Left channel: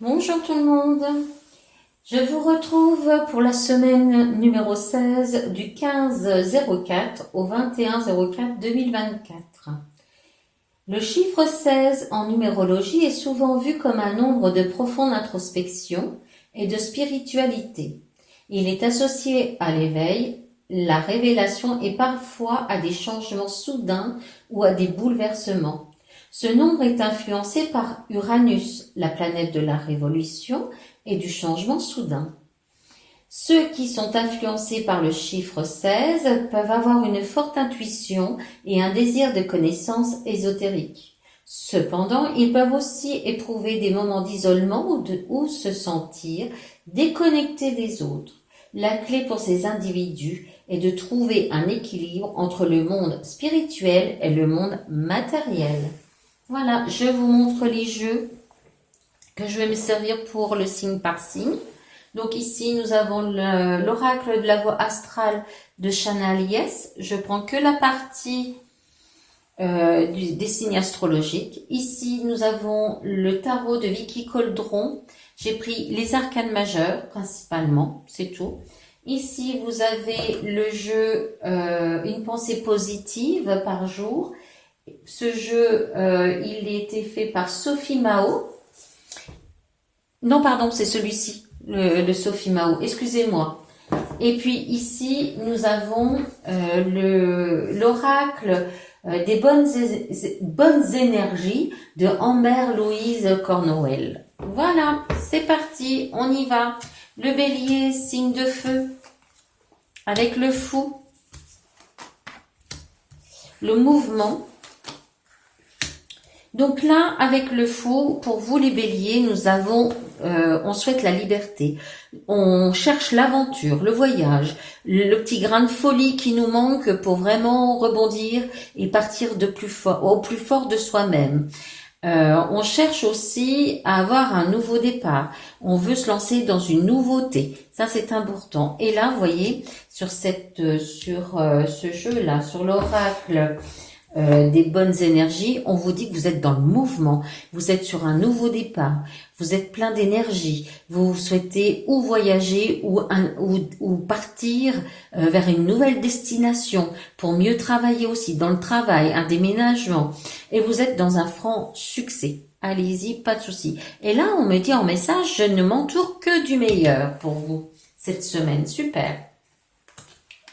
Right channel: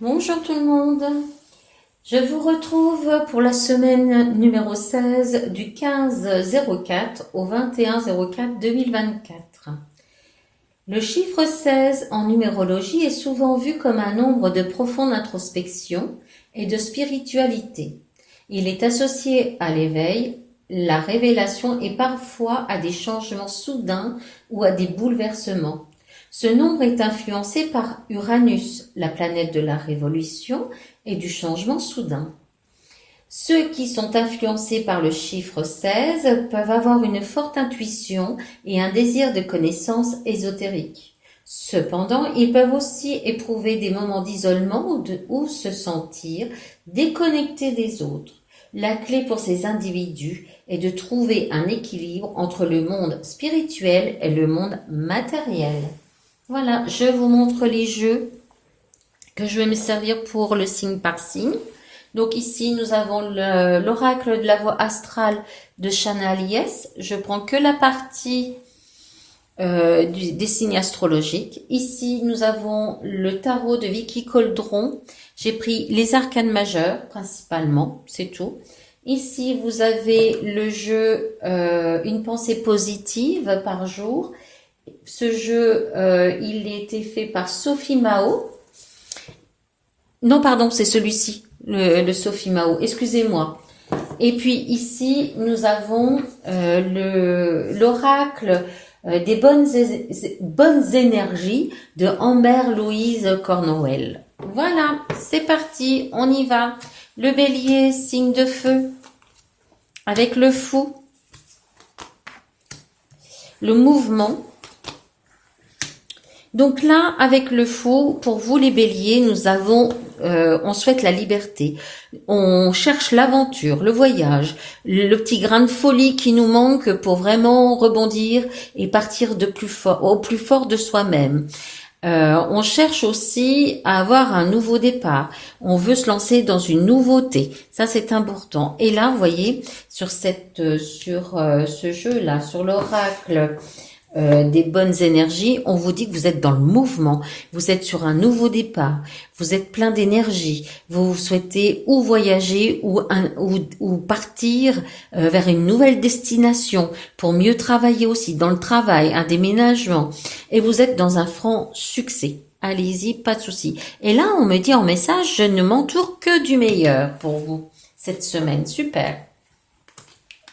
Bonjour tout le monde, je vous retrouve pour la semaine numéro 16 du 15-04 au 21-04-2024. Le chiffre 16 en numérologie est souvent vu comme un nombre de profonde introspection et de spiritualité. Il est associé à l'éveil, la révélation et parfois à des changements soudains ou à des bouleversements. Ce nombre est influencé par Uranus, la planète de la révolution et du changement soudain. Ceux qui sont influencés par le chiffre 16 peuvent avoir une forte intuition et un désir de connaissance ésotérique. Cependant, ils peuvent aussi éprouver des moments d'isolement ou se sentir déconnectés des autres. La clé pour ces individus est de trouver un équilibre entre le monde spirituel et le monde matériel. Voilà, je vous montre les jeux que je vais me servir pour le signe par signe. Donc ici, nous avons l'oracle de la voie astrale de Shana Lies. Je prends que la partie des signes astrologiques. Ici, nous avons le tarot de Vicky Coldron. J'ai pris les arcanes majeurs, principalement, c'est tout. Ici, vous avez le jeu Une pensée positive par jour. Ce jeu, il a été fait par Sophie Mao. Non, pardon, c'est celui-ci, le Sophie Mao. Excusez-moi. Et puis ici, nous avons l'oracle des bonnes énergies de Amber Louise Cornwell. Voilà, c'est parti, on y va. Le bélier, signe de feu, avec le fou, le mouvement. Donc là, avec le fou, pour vous les béliers, nous avons, on souhaite la liberté. On cherche l'aventure, le voyage, le petit grain de folie qui nous manque pour vraiment rebondir et partir au plus fort de soi-même. On cherche aussi à avoir un nouveau départ. On veut se lancer dans une nouveauté. Ça, c'est important. Et là, vous voyez, sur ce jeu-là, sur l'oracle des bonnes énergies, on vous dit que vous êtes dans le mouvement, vous êtes sur un nouveau départ, vous êtes plein d'énergie, vous souhaitez ou voyager ou partir vers une nouvelle destination pour mieux travailler aussi dans le travail, un déménagement, et vous êtes dans un franc succès. Allez-y, pas de souci. Et là, on me dit en message, je ne m'entoure que du meilleur pour vous cette semaine. Super.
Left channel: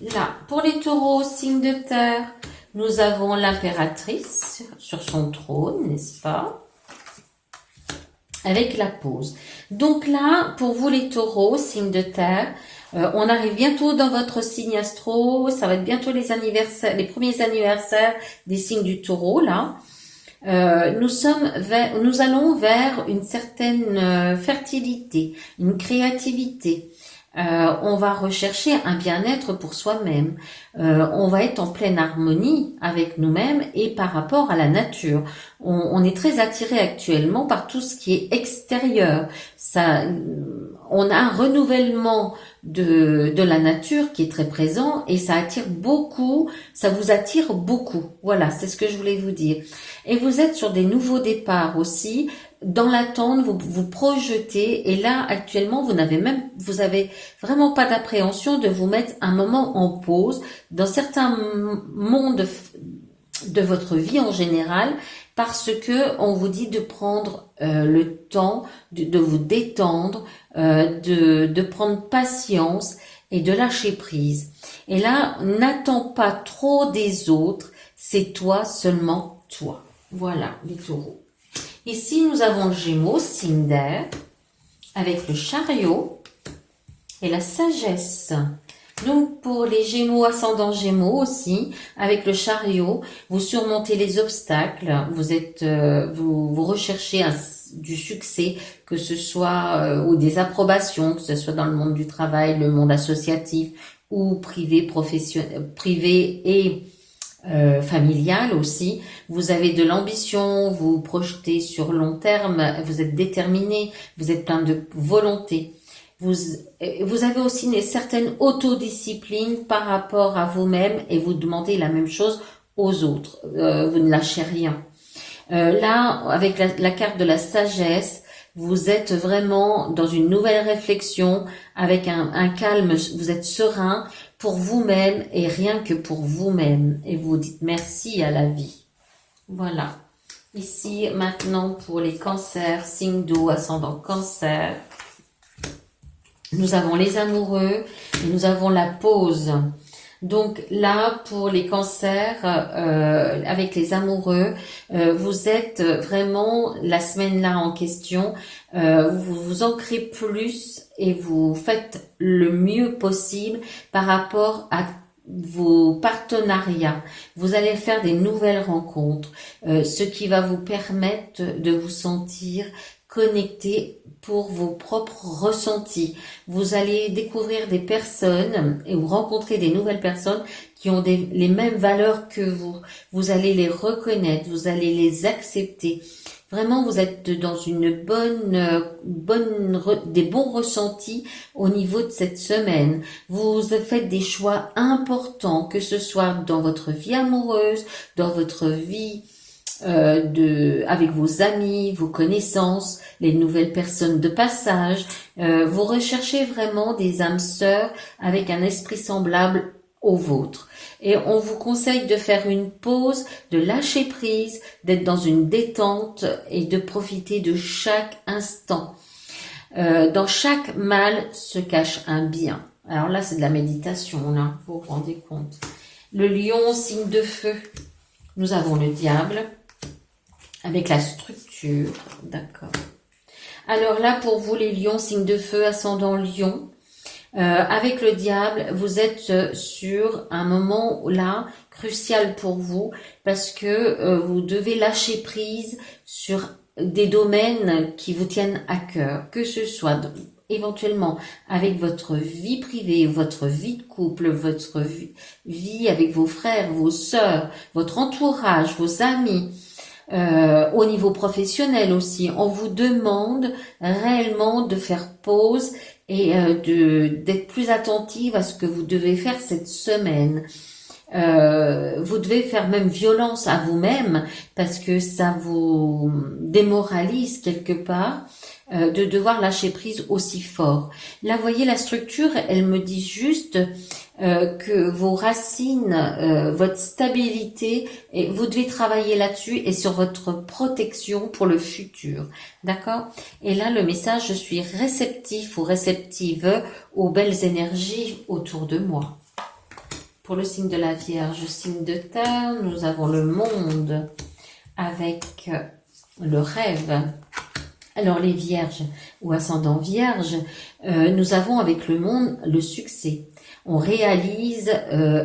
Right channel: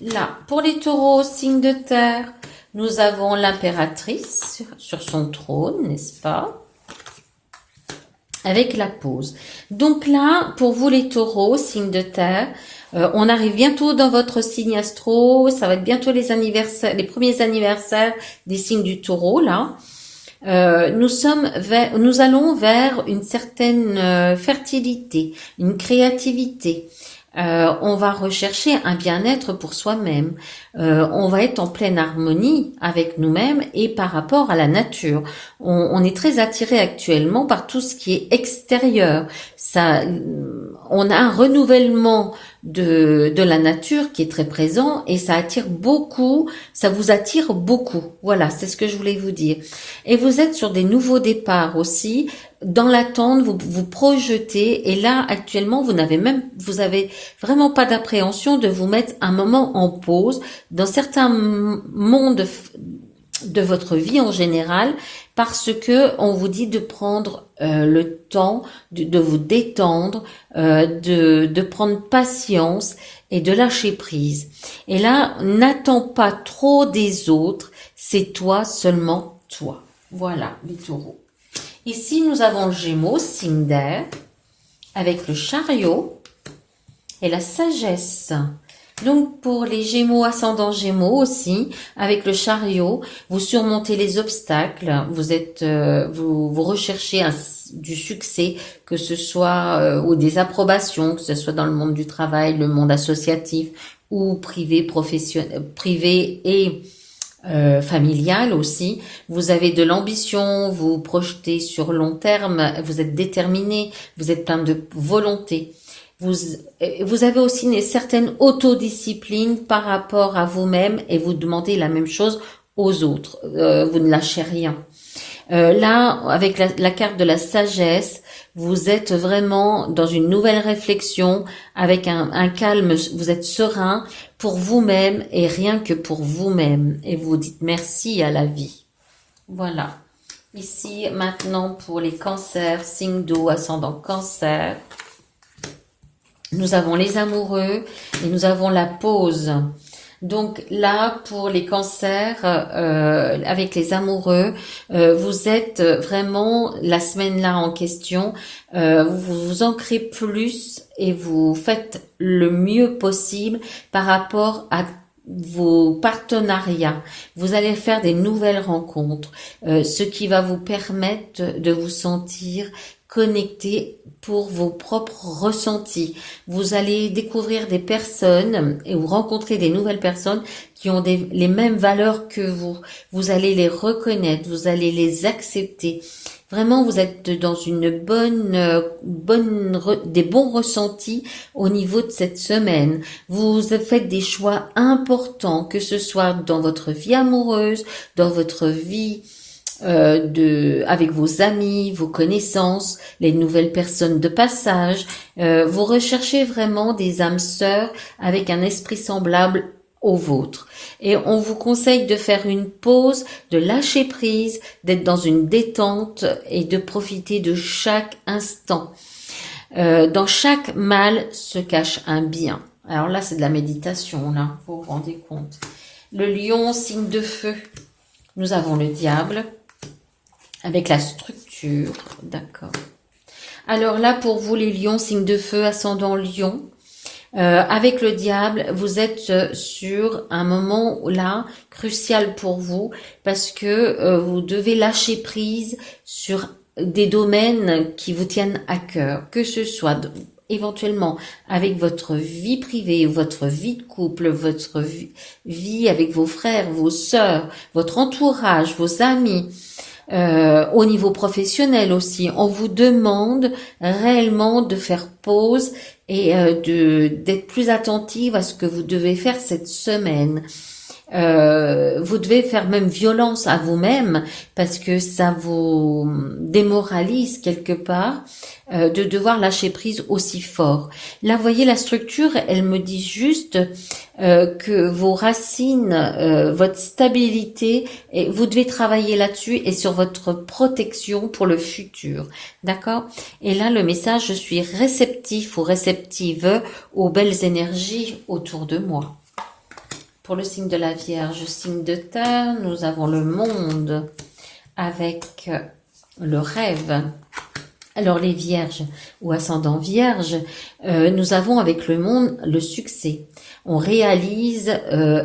Là, pour les taureaux, signe de terre, nous avons l'impératrice sur son trône, n'est-ce pas? Avec la pause. Donc là, pour vous les taureaux, signe de terre, on arrive bientôt dans votre signe astro, ça va être bientôt les premiers anniversaires des signes du taureau, là. Nous allons vers une certaine fertilité, une créativité. On va rechercher un bien-être pour soi-même. On va être en pleine harmonie avec nous-mêmes et par rapport à la nature. On est très attiré actuellement par tout ce qui est extérieur. On a un renouvellement de la nature qui est très présent et ça attire beaucoup, ça vous attire beaucoup. Voilà, c'est ce que je voulais vous dire. Et vous êtes sur des nouveaux départs aussi. Dans l'attente, vous vous projetez et là actuellement vous avez vraiment pas d'appréhension de vous mettre un moment en pause dans certains mondes de votre vie en général parce que on vous dit de prendre le temps de vous détendre, de prendre patience et de lâcher prise. Et là, n'attends pas trop des autres, c'est toi, seulement toi. Voilà, les taureaux. Ici, nous avons le Gémeaux, signe d'air, avec le chariot et la sagesse. Donc, pour les Gémeaux, ascendant Gémeaux aussi, avec le chariot, vous surmontez les obstacles, vous recherchez du succès, que ce soit, ou des approbations, que ce soit dans le monde du travail, le monde associatif, ou privé, privé et familiale aussi. Vous avez de l'ambition, vous projetez sur long terme, vous êtes déterminé, vous êtes plein de volonté. Vous avez aussi une certaine autodiscipline par rapport à vous-même et vous demandez la même chose aux autres. Vous ne lâchez rien. Là, avec la carte de la sagesse, vous êtes vraiment dans une nouvelle réflexion, avec un calme, vous êtes serein pour vous-même et rien que pour vous-même. Et vous dites merci à la vie. Voilà. Ici, maintenant, pour les cancers, signe d'eau, ascendant cancer. Nous avons les amoureux et nous avons la pause. Donc là, pour les cancers, avec les amoureux, vous êtes vraiment, la semaine là en question, vous vous ancrez plus et vous faites le mieux possible par rapport à vos partenariats. Vous allez faire des nouvelles rencontres, ce qui va vous permettre de vous sentir connecté pour vos propres ressentis. Vous allez découvrir des personnes et vous rencontrer des nouvelles personnes qui ont les mêmes valeurs que vous. Vous allez les reconnaître, vous allez les accepter. Vraiment, vous êtes dans une des bons ressentis au niveau de cette semaine. Vous faites des choix importants, que ce soit dans votre vie amoureuse, dans votre vie avec vos amis, vos connaissances, les nouvelles personnes de passage. Vous recherchez vraiment des âmes sœurs avec un esprit semblable au vôtre. Et on vous conseille de faire une pause, de lâcher prise, d'être dans une détente et de profiter de chaque instant. Dans chaque mal se cache un bien. Alors là, c'est de la méditation, là, vous vous rendez compte. Le lion, signe de feu. Nous avons le diable avec la structure, d'accord. Alors là, pour vous les lions, signe de feu, ascendant lion, avec le diable, vous êtes sur un moment là crucial pour vous parce que vous devez lâcher prise sur des domaines qui vous tiennent à cœur, que ce soit éventuellement avec votre vie privée, votre vie de couple, votre vie avec vos frères, vos sœurs, votre entourage, vos amis. Au niveau professionnel aussi, on vous demande réellement de faire pause et d'être plus attentive à ce que vous devez faire cette semaine. Vous devez faire même violence à vous-même parce que ça vous démoralise quelque part de devoir lâcher prise aussi fort. Là, vous voyez, la structure, elle me dit juste que vos racines, votre stabilité, et vous devez travailler là-dessus et sur votre protection pour le futur. D'accord? Et là, le message, je suis réceptif ou réceptive aux belles énergies autour de moi. Pour le signe de la Vierge, signe de terre, nous avons le monde avec le rêve. Alors les vierges ou ascendants vierges, nous avons avec le monde le succès. On réalise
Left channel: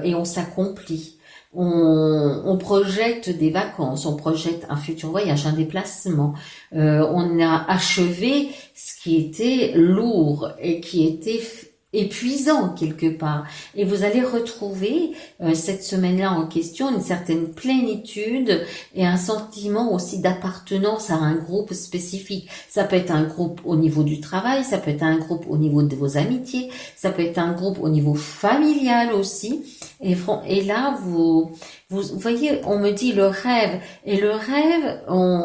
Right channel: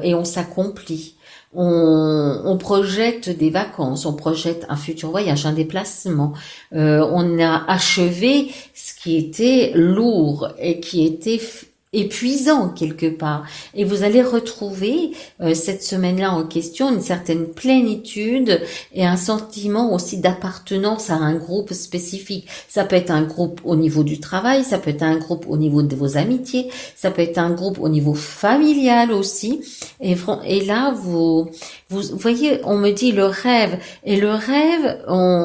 et on s'accomplit. On projette des vacances, on projette un futur voyage, un déplacement. On a achevé ce qui était lourd et qui était épuisant quelque part. Et vous allez retrouver cette semaine-là en question une certaine plénitude et un sentiment aussi d'appartenance à un groupe spécifique. Ça peut être un groupe au niveau du travail, ça peut être un groupe au niveau de vos amitiés, ça peut être un groupe au niveau familial aussi. Et là, vous voyez, on me dit le rêve. Et le rêve,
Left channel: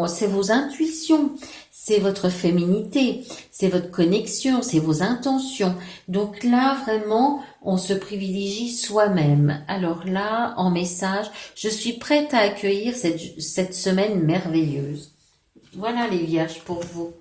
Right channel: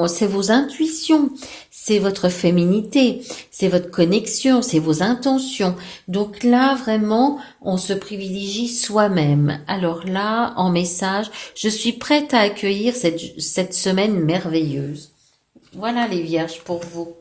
c'est vos intuitions. C'est votre féminité, c'est votre connexion, c'est vos intentions. Donc là, vraiment, on se privilégie soi-même. Alors là, en message, je suis prête à accueillir cette semaine merveilleuse. Voilà les vierges pour vous.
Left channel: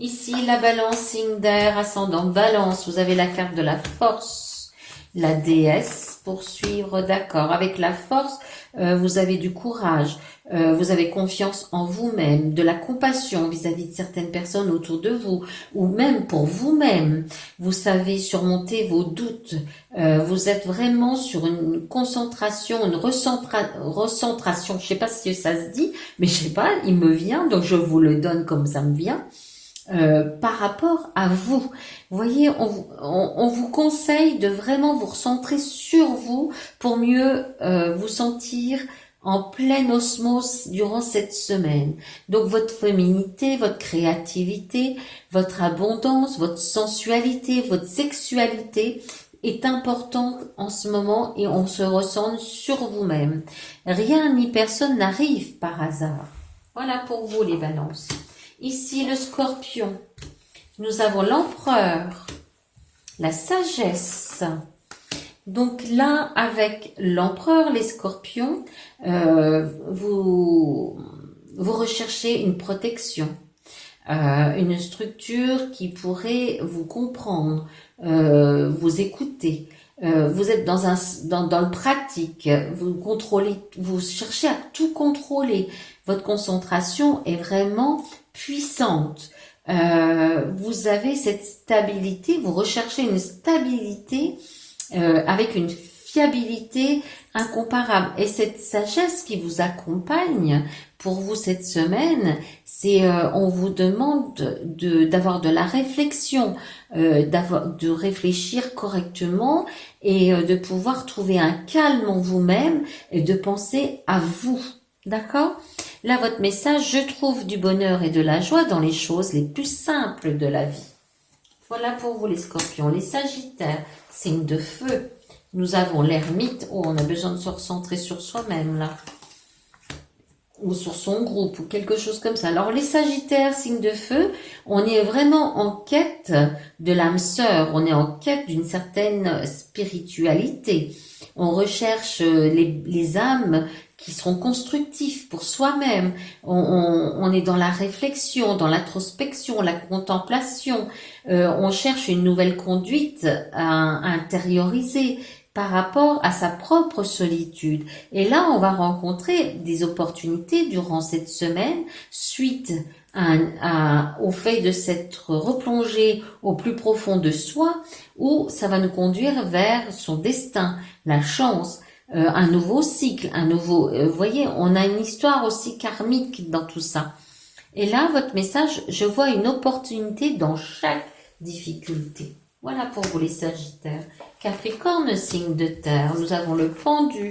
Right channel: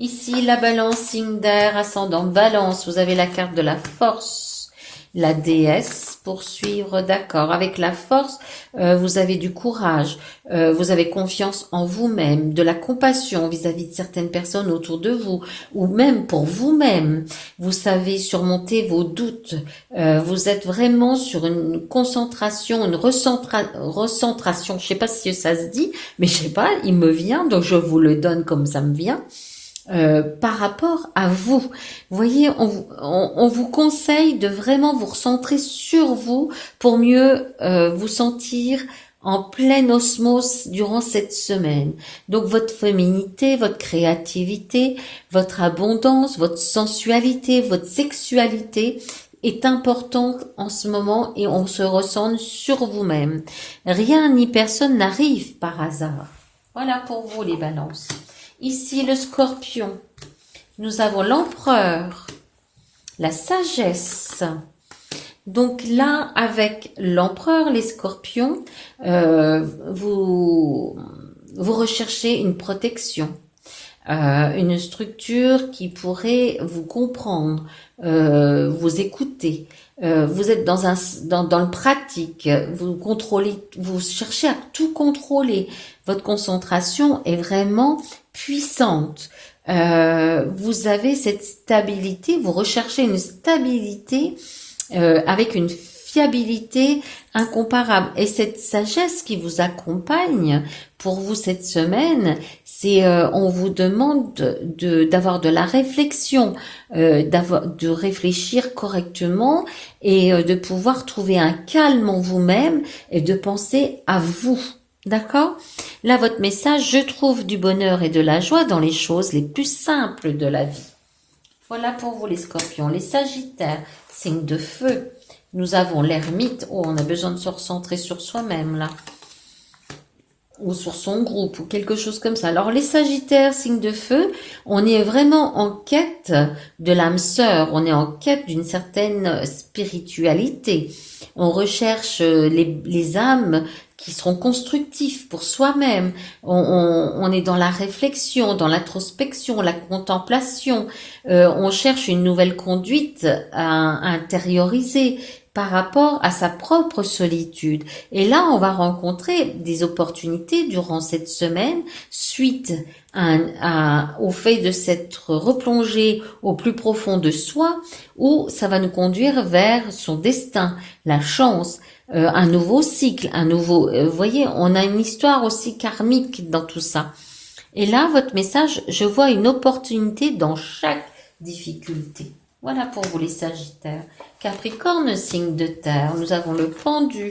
Ici, la balance, signe d'air, ascendant balance. Vous avez la carte de la force, la déesse pour suivre, d'accord. Avec la force, vous avez du courage, vous avez confiance en vous-même, de la compassion vis-à-vis de certaines personnes autour de vous, ou même pour vous-même. Vous savez surmonter vos doutes. Vous êtes vraiment sur une concentration, une recentration. Je sais pas si ça se dit, mais je sais pas, il me vient, donc je vous le donne comme ça me vient. Par rapport à vous. Vous voyez, on vous conseille de vraiment vous recentrer sur vous pour mieux vous sentir en pleine osmose durant cette semaine. Donc votre féminité, votre créativité, votre abondance, votre sensualité, votre sexualité est importante en ce moment et on se recentre sur vous-même. Rien ni personne n'arrive par hasard. Vous voyez, on vous conseille de vraiment vous recentrer sur vous pour mieux vous sentir en pleine osmose durant cette semaine. Donc votre féminité, votre créativité, votre sexualité est importante en ce moment et on se recentre sur vous-même. Rien ni personne n'arrive par hasard. Voilà pour vous les balances. Ici le scorpion. Nous avons l'empereur, la sagesse. Donc là, avec l'empereur, les scorpions, vous recherchez une protection, une structure qui pourrait vous comprendre, vous écouter. Vous êtes dans le pratique, vous contrôlez, vous cherchez à tout contrôler. Votre concentration est vraiment puissante. Vous avez cette stabilité, vous recherchez une stabilité avec une fiabilité incomparable. Et cette sagesse qui vous accompagne pour vous cette semaine, c'est on vous demande d'avoir de la réflexion, de réfléchir correctement et de pouvoir trouver un calme en vous-même et de penser à vous. D'accord? Là, votre message, je trouve du bonheur et de la joie dans les choses les plus simples de la vie. Voilà pour vous les scorpions. Les sagittaires, signe de feu. Nous avons l'ermite. Oh, on a besoin de se recentrer sur soi-même là. Ou sur son groupe ou quelque chose comme ça. Alors les sagittaires, signe de feu, on est vraiment en quête de l'âme sœur. On est en quête d'une certaine spiritualité. On recherche les âmes qui seront constructifs pour soi-même. On est dans la réflexion, dans l'introspection, la contemplation. On cherche une nouvelle conduite à intérioriser par rapport à sa propre solitude. Et là, on va rencontrer des opportunités durant cette semaine suite au fait de s'être replongé au plus profond de soi, où ça va nous conduire vers son destin, la chance, un nouveau cycle, vous voyez, on a une histoire aussi karmique dans tout ça. Et là, votre message, je vois une opportunité dans chaque difficulté. Voilà pour vous les sagittaires. Capricorne, signe de terre, nous avons le pendu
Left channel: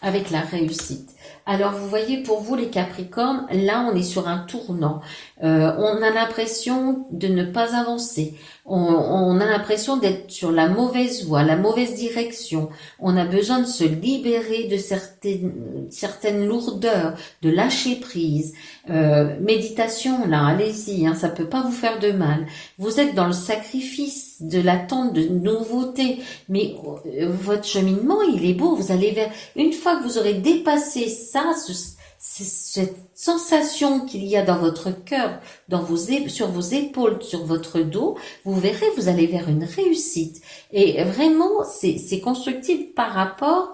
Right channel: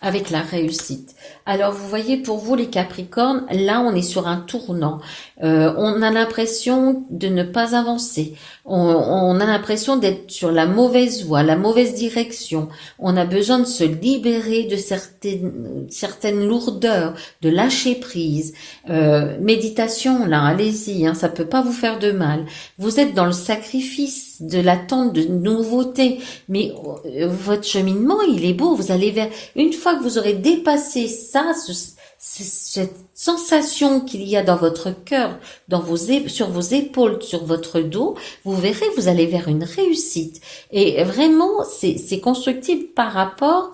avec la réussite. Alors, vous voyez, pour vous les Capricornes, là, on est sur un tournant. On a l'impression de ne pas avancer. On a l'impression d'être sur la mauvaise voie, la mauvaise direction. On a besoin de se libérer de certaines lourdeurs, de lâcher prise. Méditation, là, allez-y, hein, ça peut pas vous faire de mal. Vous êtes dans le sacrifice de l'attente de nouveautés, mais votre cheminement, il est beau. Vous allez vers, une fois que vous aurez dépassé ça, cette sensation qu'il y a dans votre cœur, sur vos épaules, sur votre dos, vous verrez, vous allez vers une réussite. Et vraiment, c'est constructible par rapport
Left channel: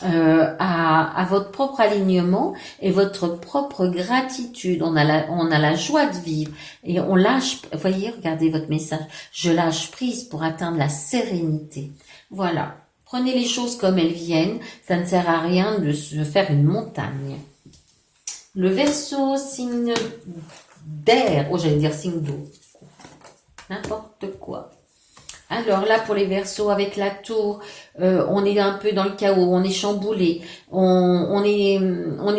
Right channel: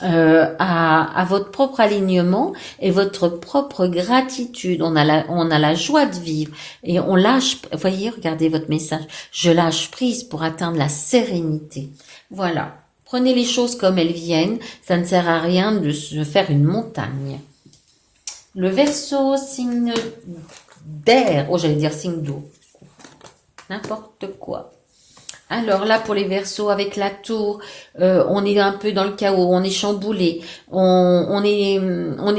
à votre propre alignement et votre propre gratitude. On a la joie de vivre et on lâche, voyez, regardez votre message, je lâche prise pour atteindre la sérénité. Voilà. Prenez les choses comme elles viennent, ça ne sert à rien de se faire une montagne. Le Verseau, signe d'air, oh j'allais dire signe d'eau, n'importe quoi. Alors là, pour les Verseaux, avec la tour, on est un peu dans le chaos, on est chamboulé, on est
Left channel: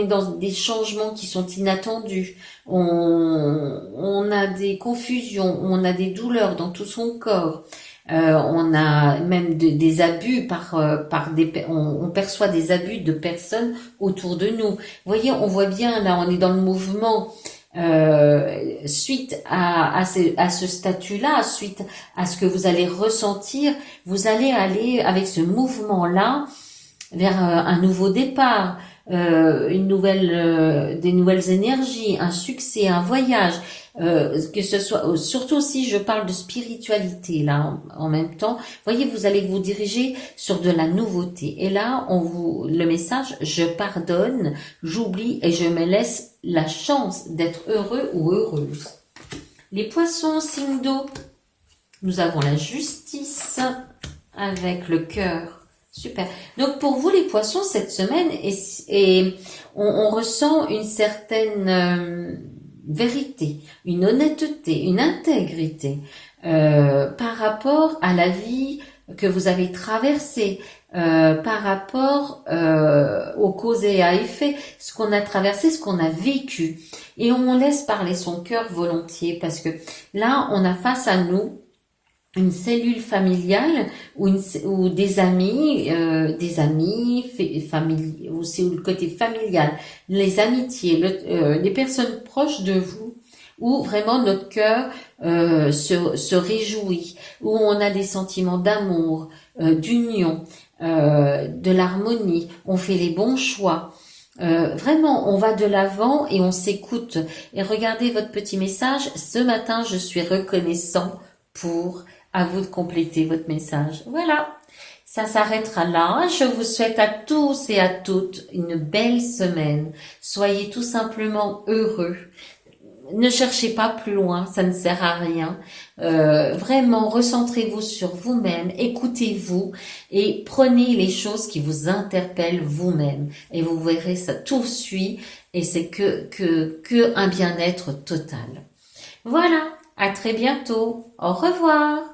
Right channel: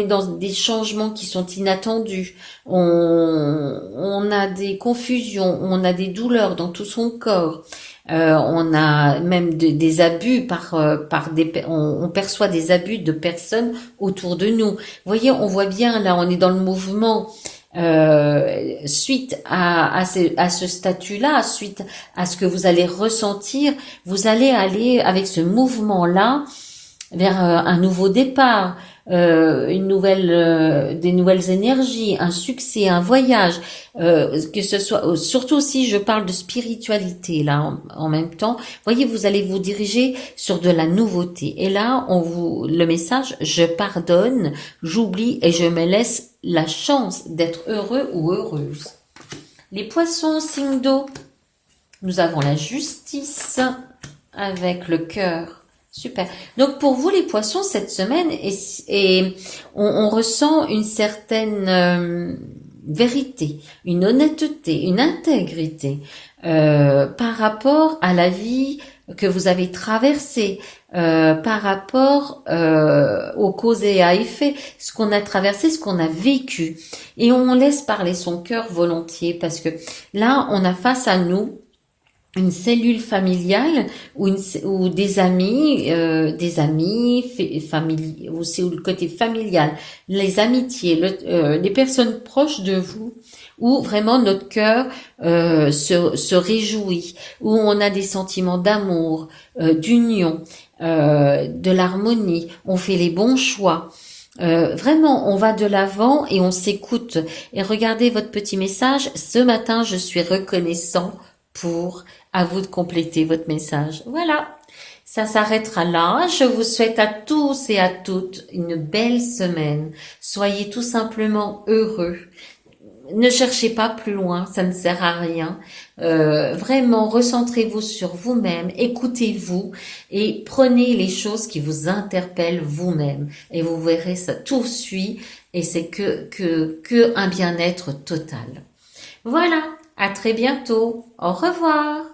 dans des changements qui sont inattendus, on a des confusions, on a des douleurs dans tout son corps. On a même des abus on perçoit des abus de personnes autour de nous. Vous voyez, on voit bien là, on est dans le mouvement. Suite à ce statut-là, suite à ce que vous allez ressentir, vous allez aller avec ce mouvement-là vers un nouveau départ, des nouvelles énergies, un succès, un voyage, que ce soit, surtout si je parle de spiritualité là en même temps, voyez, vous allez vous diriger sur de la nouveauté. Et là, le message, je pardonne, j'oublie et je me laisse la chance d'être heureux ou heureuse. Les poissons, signe d'eau, nous avons la justice avec le cœur. Super. Donc pour vous les poissons, cette semaine, on ressent une certaine vérité, une honnêteté, une intégrité par rapport à la vie que vous avez traversée, par rapport aux causes et à effet, ce qu'on a traversé, ce qu'on a vécu. Et on laisse parler son cœur volontiers parce que là, on a face à nous une cellule familiale ou des amis, famille, aussi ou le côté familial, les amitiés, les personnes proches de vous, où vraiment notre cœur se réjouit, où on a des sentiments d'amour, d'union, de l'harmonie, on fait les bons choix. Vraiment, on va de l'avant et on s'écoute. Et regardez votre petit message. Ce matin, je suis reconnaissant pour. À vous de compléter votre message. Voilà. Ça s'arrêtera là. Je vous souhaite à tous et à toutes une belle semaine. Soyez tout simplement heureux. Ne cherchez pas plus loin, ça ne sert à rien. Vraiment, recentrez-vous sur vous-même, écoutez-vous et prenez les choses qui vous interpellent vous-même. Et vous verrez, ça tout suit et c'est que un bien-être total. Voilà, à très bientôt. Au revoir.